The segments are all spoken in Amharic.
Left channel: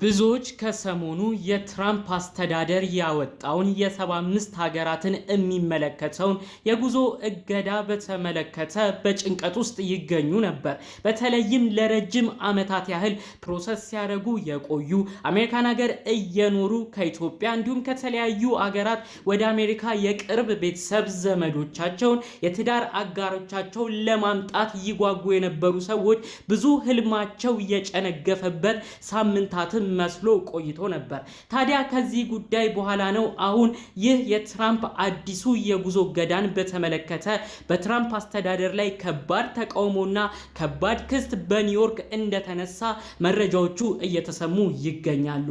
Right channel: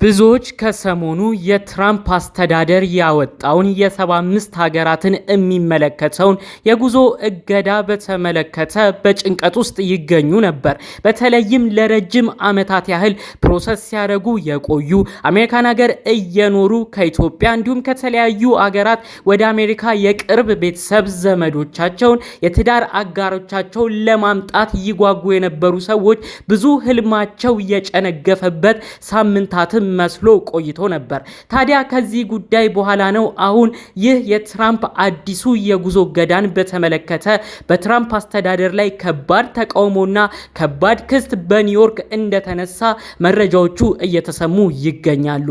ብዙዎች ከሰሞኑ የትራምፕ አስተዳደር ያወጣውን የ75 ሀገራትን የሚመለከተውን የጉዞ እገዳ በተመለከተ በጭንቀት ውስጥ ይገኙ ነበር። በተለይም ለረጅም ዓመታት ያህል ፕሮሰስ ሲያደርጉ የቆዩ አሜሪካን ሀገር እየኖሩ ከኢትዮጵያ እንዲሁም ከተለያዩ ሀገራት ወደ አሜሪካ የቅርብ ቤተሰብ ዘመዶቻቸውን የትዳር አጋሮቻቸውን ለማምጣት ይጓጉ የነበሩ ሰዎች ብዙ ህልማቸው የጨነገፈበት ሳምንታትም መስሎ ቆይቶ ነበር። ታዲያ ከዚህ ጉዳይ በኋላ ነው አሁን ይህ የትራምፕ አዲሱ የጉዞ እገዳን በተመለከተ በትራምፕ አስተዳደር ላይ ከባድ ተቃውሞና ከባድ ክስ በኒውዮርክ እንደተነሳ መረጃዎቹ እየተሰሙ ይገኛሉ።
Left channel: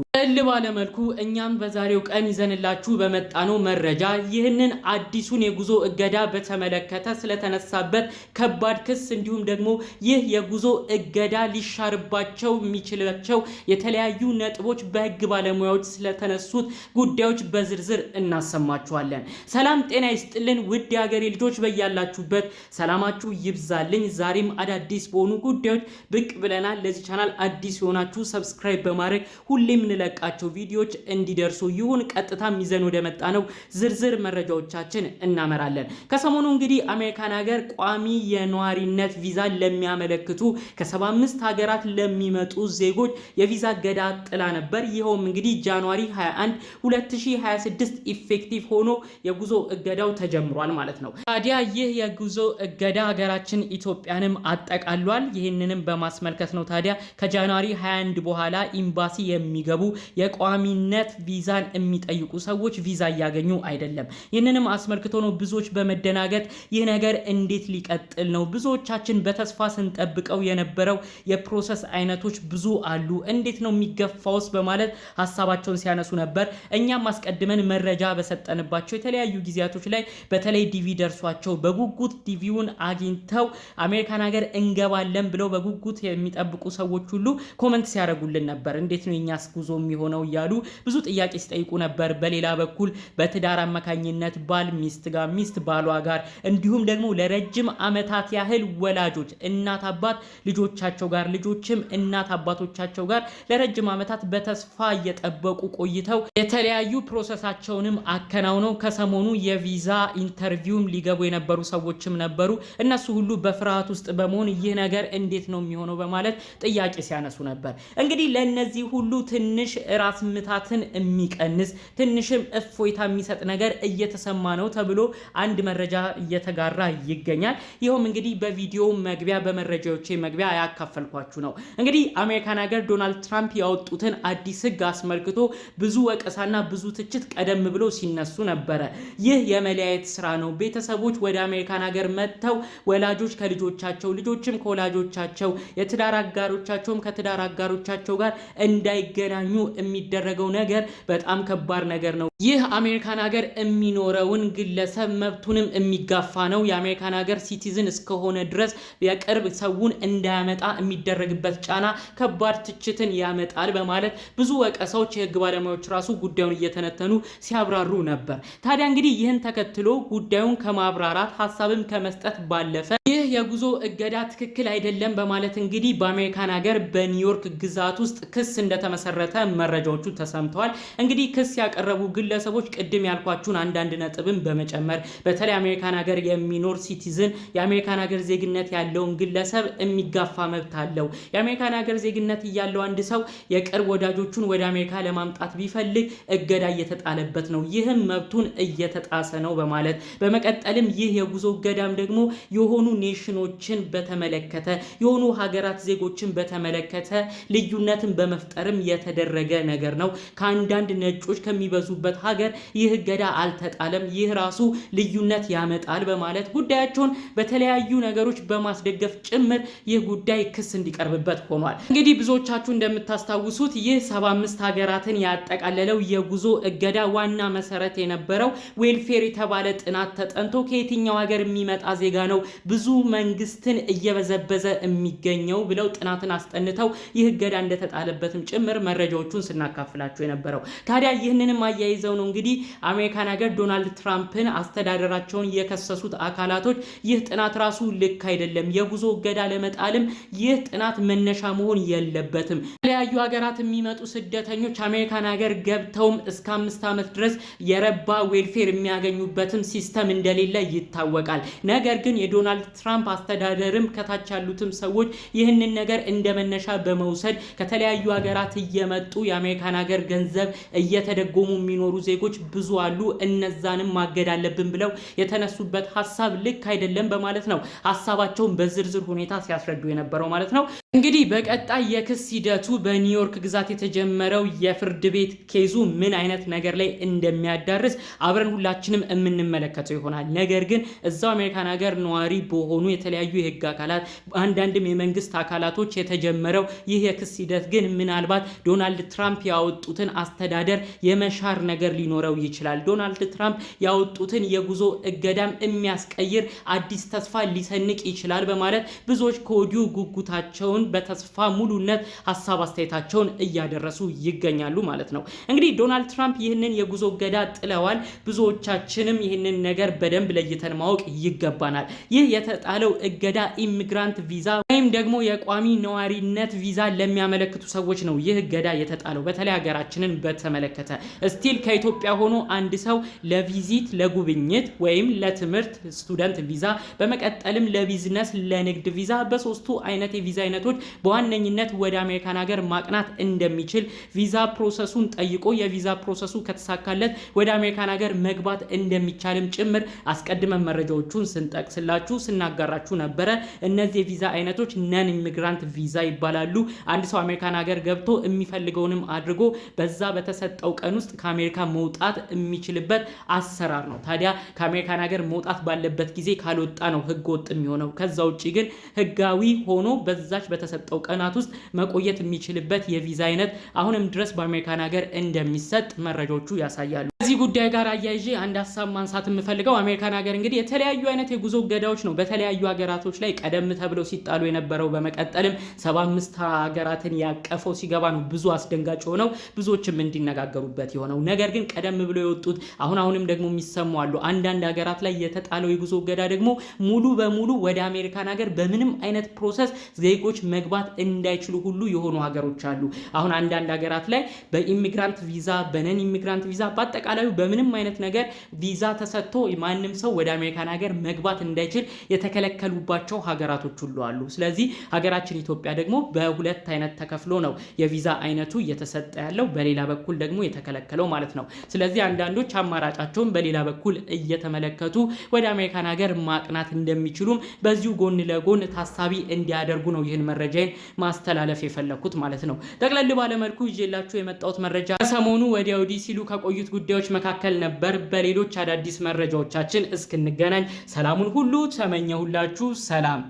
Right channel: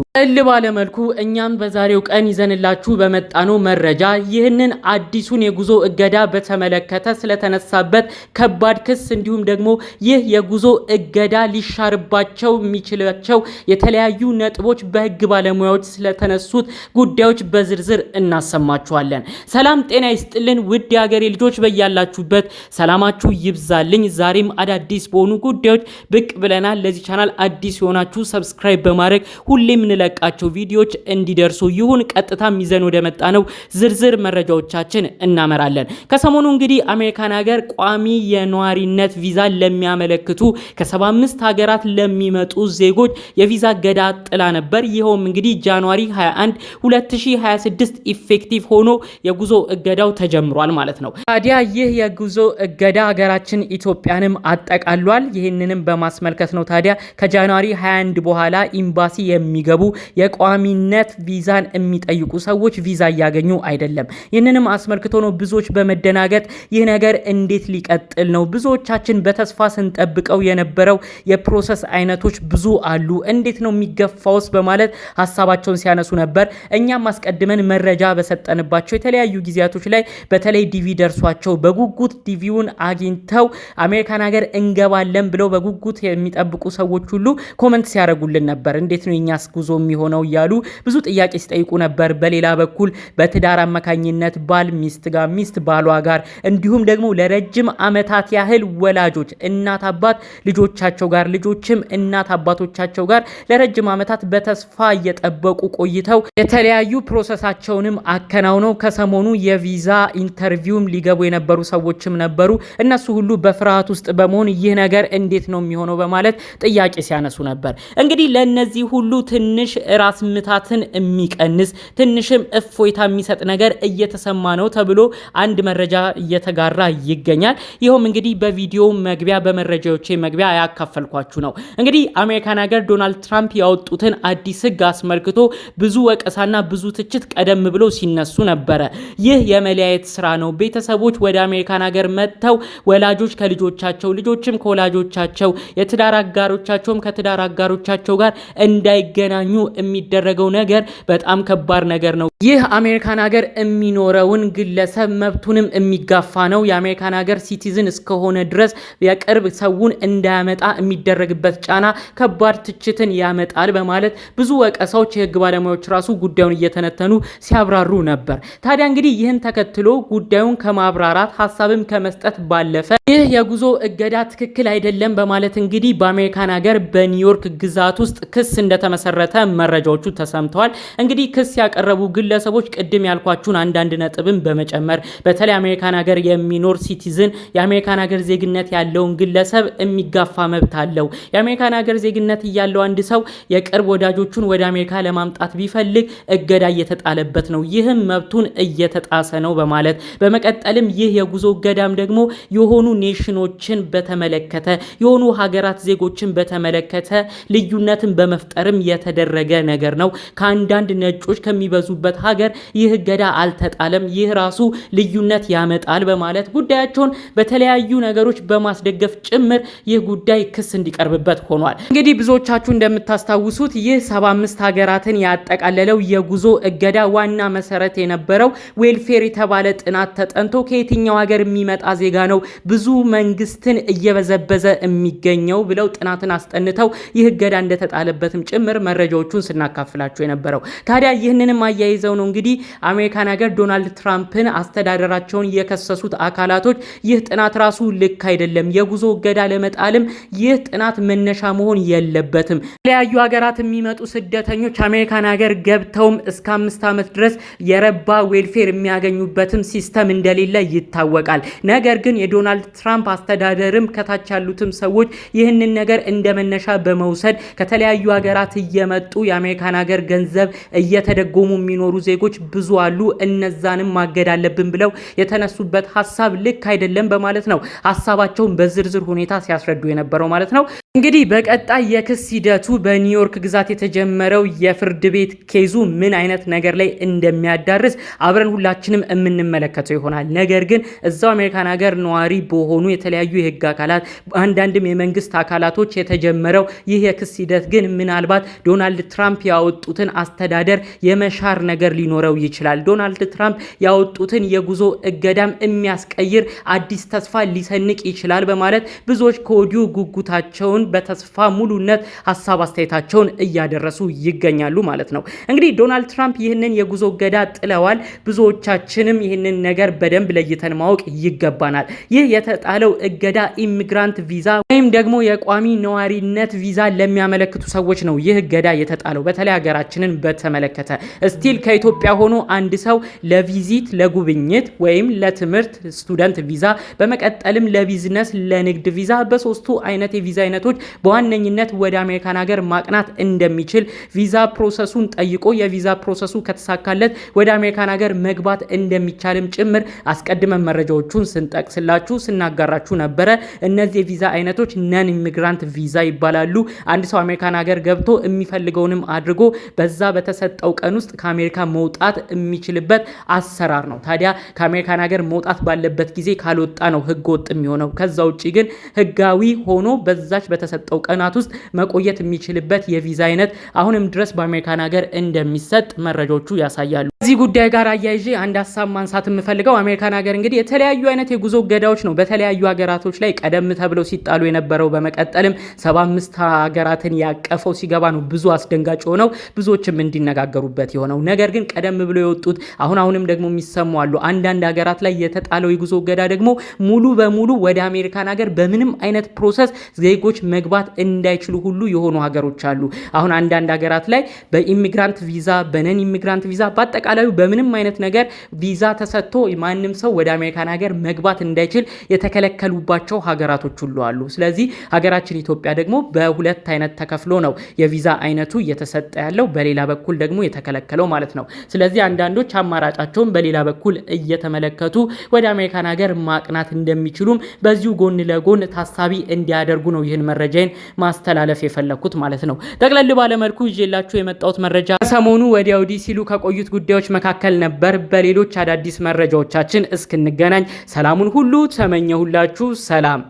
ባለ መልኩ እኛም በዛሬው ቀን ይዘንላችሁ በመጣነው መረጃ ይህንን አዲሱን የጉዞ እገዳ በተመለከተ ስለተነሳበት ከባድ ክስ እንዲሁም ደግሞ ይህ የጉዞ እገዳ ሊሻርባቸው የሚችላቸው የተለያዩ ነጥቦች በህግ ባለሙያዎች ስለተነሱት ጉዳዮች በዝርዝር እናሰማችኋለን። ሰላም ጤና ይስጥልን ውድ የሀገሬ ልጆች፣ በያላችሁበት ሰላማችሁ ይብዛልኝ። ዛሬም አዳዲስ በሆኑ ጉዳዮች ብቅ ብለናል። ለዚህ ቻናል አዲስ የሆናችሁ ሰብስክራይብ በማድረግ ሁሌም ለቃቸው ቪዲዮዎች እንዲደርሱ ይሁን። ቀጥታም ይዘን ወደ መጣ ነው ዝርዝር መረጃዎቻችን እናመራለን። ከሰሞኑ እንግዲህ አሜሪካን ሀገር ቋሚ የነዋሪነት ቪዛ ለሚያመለክቱ ከ75 ሀገራት ለሚመጡ ዜጎች የቪዛ እገዳ ጥላ ነበር። ይኸውም እንግዲህ ጃንዋሪ 21 2026 ኢፌክቲቭ ሆኖ የጉዞ እገዳው ተጀምሯል ማለት ነው። ታዲያ ይህ የጉዞ እገዳ ሀገራችን ኢትዮጵያንም አጠቃሏል። ይህንንም በማስመልከት ነው ታዲያ ከጃንዋሪ 21 በኋላ ኤምባሲ የሚገቡ የቋሚነት ቪዛን የሚጠይቁ ሰዎች ቪዛ እያገኙ አይደለም። ይህንንም አስመልክቶ ነው ብዙዎች በመደናገጥ ይህ ነገር እንዴት ሊቀጥል ነው? ብዙዎቻችን በተስፋ ስንጠብቀው የነበረው የፕሮሰስ አይነቶች ብዙ አሉ፣ እንዴት ነው የሚገፋውስ? በማለት ሀሳባቸውን ሲያነሱ ነበር። እኛም አስቀድመን መረጃ በሰጠንባቸው የተለያዩ ጊዜያቶች ላይ በተለይ ዲቪ ደርሷቸው በጉጉት ዲቪውን አግኝተው አሜሪካን ሀገር እንገባለን ብለው በጉጉት የሚጠብቁ ሰዎች ሁሉ ኮመንት ሲያደርጉልን ነበር። እንዴት ነው የኛስ ጉዞ የሚሆነው እያሉ ብዙ ጥያቄ ሲጠይቁ ነበር። በሌላ በኩል በትዳር አማካኝነት ባል ሚስት ጋር፣ ሚስት ባሏ ጋር እንዲሁም ደግሞ ለረጅም ዓመታት ያህል ወላጆች እናት አባት ልጆቻቸው ጋር፣ ልጆችም እናት አባቶቻቸው ጋር ለረጅም ዓመታት በተስፋ እየጠበቁ ቆይተው የተለያዩ ፕሮሰሳቸውንም አከናውነው ከሰሞኑ የቪዛ ኢንተርቪውም ሊገቡ የነበሩ ሰዎችም ነበሩ። እነሱ ሁሉ በፍርሃት ውስጥ በመሆን ይህ ነገር እንዴት ነው የሚሆነው በማለት ጥያቄ ሲያነሱ ነበር። እንግዲህ ለነዚህ ሁሉ ትንሽ ራስ ምታትን የሚቀንስ ትንሽም እፎይታ የሚሰጥ ነገር እየተሰማ ነው ተብሎ አንድ መረጃ እየተጋራ ይገኛል። ይኸውም እንግዲህ በቪዲዮ መግቢያ በመረጃዎቼ መግቢያ ያካፈልኳችሁ ነው። እንግዲህ አሜሪካን ሀገር ዶናልድ ትራምፕ ያወጡትን አዲስ ህግ አስመልክቶ ብዙ ወቀሳና ብዙ ትችት ቀደም ብሎ ሲነሱ ነበረ። ይህ የመለያየት ስራ ነው። ቤተሰቦች ወደ አሜሪካን ሀገር መጥተው ወላጆች ከልጆቻቸው፣ ልጆችም ከወላጆቻቸው፣ የትዳር አጋሮቻቸውም ከትዳር አጋሮቻቸው ጋር እንዳይገናኙ የሚደረገው ነገር በጣም ከባድ ነገር ነው። ይህ አሜሪካን ሀገር የሚኖረውን ግለሰብ መብቱንም የሚጋፋ ነው። የአሜሪካን ሀገር ሲቲዝን እስከሆነ ድረስ የቅርብ ሰውን እንዳያመጣ የሚደረግበት ጫና ከባድ ትችትን ያመጣል በማለት ብዙ ወቀሳዎች የህግ ባለሙያዎች ራሱ ጉዳዩን እየተነተኑ ሲያብራሩ ነበር። ታዲያ እንግዲህ ይህን ተከትሎ ጉዳዩን ከማብራራት ሀሳብም ከመስጠት ባለፈ ይህ የጉዞ እገዳ ትክክል አይደለም በማለት እንግዲህ በአሜሪካን ሀገር በኒውዮርክ ግዛት ውስጥ ክስ እንደተመሰረተ መረጃዎቹ ተሰምተዋል። እንግዲህ ክስ ያቀረቡ ግለሰቦች ቅድም ያልኳችሁን አንዳንድ ነጥብን በመጨመር በተለይ አሜሪካን ሀገር የሚኖር ሲቲዝን የአሜሪካን ሀገር ዜግነት ያለውን ግለሰብ የሚጋፋ መብት አለው። የአሜሪካን ሀገር ዜግነት ያለው አንድ ሰው የቅርብ ወዳጆቹን ወደ አሜሪካ ለማምጣት ቢፈልግ እገዳ እየተጣለበት ነው። ይህም መብቱን እየተጣሰ ነው በማለት በመቀጠልም ይህ የጉዞ እገዳም ደግሞ የሆኑ ኔሽኖችን በተመለከተ የሆኑ ሀገራት ዜጎችን በተመለከተ ልዩነትን በመፍጠርም የተደረገ ነገር ነው። ከአንዳንድ ነጮች ከሚበዙበት ሀገር ይህ እገዳ አልተጣለም፣ ይህ ራሱ ልዩነት ያመጣል በማለት ጉዳያቸውን በተለያዩ ነገሮች በማስደገፍ ጭምር ይህ ጉዳይ ክስ እንዲቀርብበት ሆኗል። እንግዲህ ብዙዎቻችሁ እንደምታስታውሱት ይህ 75 ሀገራትን ያጠቃለለው የጉዞ እገዳ ዋና መሰረት የነበረው ዌልፌር የተባለ ጥናት ተጠንቶ ከየትኛው ሀገር የሚመጣ ዜጋ ነው ብዙ መንግስትን እየበዘበዘ የሚገኘው ብለው ጥናትን አስጠንተው ይህ እገዳ እንደተጣለበትም ጭምር መረጃዎቹን ስናካፍላችሁ የነበረው። ታዲያ ይህንንም አያይዘው ነው እንግዲህ አሜሪካን ሀገር ዶናልድ ትራምፕን አስተዳደራቸውን የከሰሱት አካላቶች ይህ ጥናት ራሱ ልክ አይደለም፣ የጉዞ እገዳ ለመጣልም ይህ ጥናት መነሻ መሆን የለበትም፣ የተለያዩ ሀገራት ሀገራት የሚመጡ ስደተኞች አሜሪካን ሀገር ገብተውም እስከ 5 ዓመት ድረስ የረባ ዌልፌር የሚያገኙበትም ሲስተም እንደሌለ ይታወቃል። ነገር ግን የዶናልድ ትራምፕ አስተዳደርም ከታች ያሉትም ሰዎች ይህንን ነገር እንደመነሻ በመውሰድ ከተለያዩ ሀገራት እየመጡ የአሜሪካን ሀገር ገንዘብ እየተደጎሙ የሚኖሩ ዜጎች ብዙ አሉ፣ እነዛንም ማገድ አለብን ብለው የተነሱበት ሀሳብ ልክ አይደለም በማለት ነው ሀሳባቸውን በዝርዝር ሁኔታ ሲያስረዱ የነበረው ማለት ነው። እንግዲህ በቀጣይ የክስ ሂደቱ በኒውዮርክ ግዛት የተጀመረው የፍርድ ቤት ኬዙ ምን አይነት ነገር ላይ እንደሚያዳርስ አብረን ሁላችንም የምንመለከተው ይሆናል። ነገር ግን እዛው አሜሪካን ሀገር ነዋሪ በሆኑ የተለያዩ የህግ አካላት አንዳንድም የመንግስት አካላቶች የተጀመረው ይህ የክስ ሂደት ግን ምናልባት ዶናልድ ትራምፕ ያወጡትን አስተዳደር የመሻር ነገር ሊኖረው ይችላል። ዶናልድ ትራምፕ ያወጡትን የጉዞ እገዳም የሚያስቀይር አዲስ ተስፋ ሊሰንቅ ይችላል በማለት ብዙዎች ከወዲሁ ጉጉታቸውን በተስፋ ሙሉነት ሀሳብ አስተያየታቸውን እያደረሱ ይገኛሉ ማለት ነው። እንግዲህ ዶናልድ ትራምፕ ይህንን የጉዞ እገዳ ጥለዋል። ብዙዎቻችንም ይህንን ነገር በደንብ ለይተን ማወቅ ይገባናል። ይህ የተጣለው እገዳ ኢሚግራንት ቪዛ ወይም ደግሞ የቋሚ ነዋሪነት ቪዛ ለሚያመለክቱ ሰዎች ነው ይህ እገዳ የተጣለው። በተለይ ሀገራችንን በተመለከተ ስቲል ከኢትዮጵያ ሆኖ አንድ ሰው ለቪዚት ለጉብኝት ወይም ለትምህርት ስቱደንት ቪዛ፣ በመቀጠልም ለቢዝነስ ለንግድ ቪዛ በሶስቱ አይነት የቪዛ አይነቶች በዋነኝነት ወደ አሜሪካን ሀገር ማቅናት እንደሚችል ቪዛ ፕሮሰሱን ጠይቆ የቪዛ ፕሮሰሱ ከተሳካለት ወደ አሜሪካን ሀገር መግባት እንደሚቻልም ጭምር አስቀድመን መረጃዎቹን ስንጠቅስላችሁ ስናጋራችሁ ነበረ። እነዚህ የቪዛ አይነቶች ነን ኢሚግራንት ቪዛ ይባላሉ። አንድ ሰው አሜሪካን ሀገር ገብቶ የሚፈልገውንም አድርጎ በዛ በተሰጠው ቀን ውስጥ ከአሜሪካ መውጣት የሚችልበት አሰራር ነው። ታዲያ ከአሜሪካን ሀገር መውጣት ባለበት ጊዜ ካልወጣ ነው ህገ ወጥ የሚሆነው። ከዛ ውጭ ግን ህጋዊ ሆኖ በዛች በተሰጠው ቀናት ውስጥ መቆየት የሚችልበት የቪዛ አይነት አሁንም ድረስ በአሜሪካን ሀገር እንደሚሰጥ መረጃዎቹ ያሳያሉ። ከዚህ ጉዳይ ጋር አያይዤ አንድ ሀሳብ ማንሳት የምፈልገው አሜሪካን ሀገር እንግዲህ የተለያዩ አይነት የጉዞ እገዳዎች ነው በተለያዩ ሀገራቶች ላይ ቀደም ተብለው ሲጣሉ የነበረው። በመቀጠልም 75 ሀገራትን ያቀፈው ሲገባ ነው ብዙ አስደንጋጭ ሆነው ብዙዎችም እንዲነጋገሩበት የሆነው። ነገር ግን ቀደም ብሎ የወጡት አሁንም ደግሞ የሚሰሙ አሉ። አንዳንድ ሀገራት ላይ የተጣለው የጉዞ እገዳ ደግሞ ሙሉ በሙሉ ወደ አሜሪካን ሀገር በምንም አይነት ፕሮሰስ ዜጎች መግባት እንዳይችሉ ሁሉ የሆኑ ሀገሮች አሉ። አሁን አንዳንድ ሀገራት ላይ በኢሚግራንት ቪዛ በነን ኢሚግራንት ቪዛ በአጠቃላዩ በምንም አይነት ነገር ቪዛ ተሰጥቶ ማንም ሰው ወደ አሜሪካን ሀገር መግባት እንዳይችል የተከለከሉባቸው ሀገራቶች ሁሉ አሉ። ስለዚህ ሀገራችን ኢትዮጵያ ደግሞ በሁለት አይነት ተከፍሎ ነው የቪዛ አይነቱ እየተሰጠ ያለው፣ በሌላ በኩል ደግሞ የተከለከለው ማለት ነው። ስለዚህ አንዳንዶች አማራጫቸውን በሌላ በኩል እየተመለከቱ ወደ አሜሪካን ሀገር ማቅናት እንደሚችሉም በዚሁ ጎን ለጎን ታሳቢ እንዲያደርጉ ነው ይህን መረጃን ማስተላለፍ የፈለኩት ማለት ነው። ጠቅለል ባለመልኩ ይዤላችሁ የመጣሁት መረጃ ሰሞኑ ወዲያ ወዲህ ሲሉ ከቆዩት ጉዳዮች መካከል ነበር። በሌሎች አዳዲስ መረጃዎቻችን እስክንገናኝ ሰላሙን ሁሉ ተመኘሁላችሁ። ሰላም።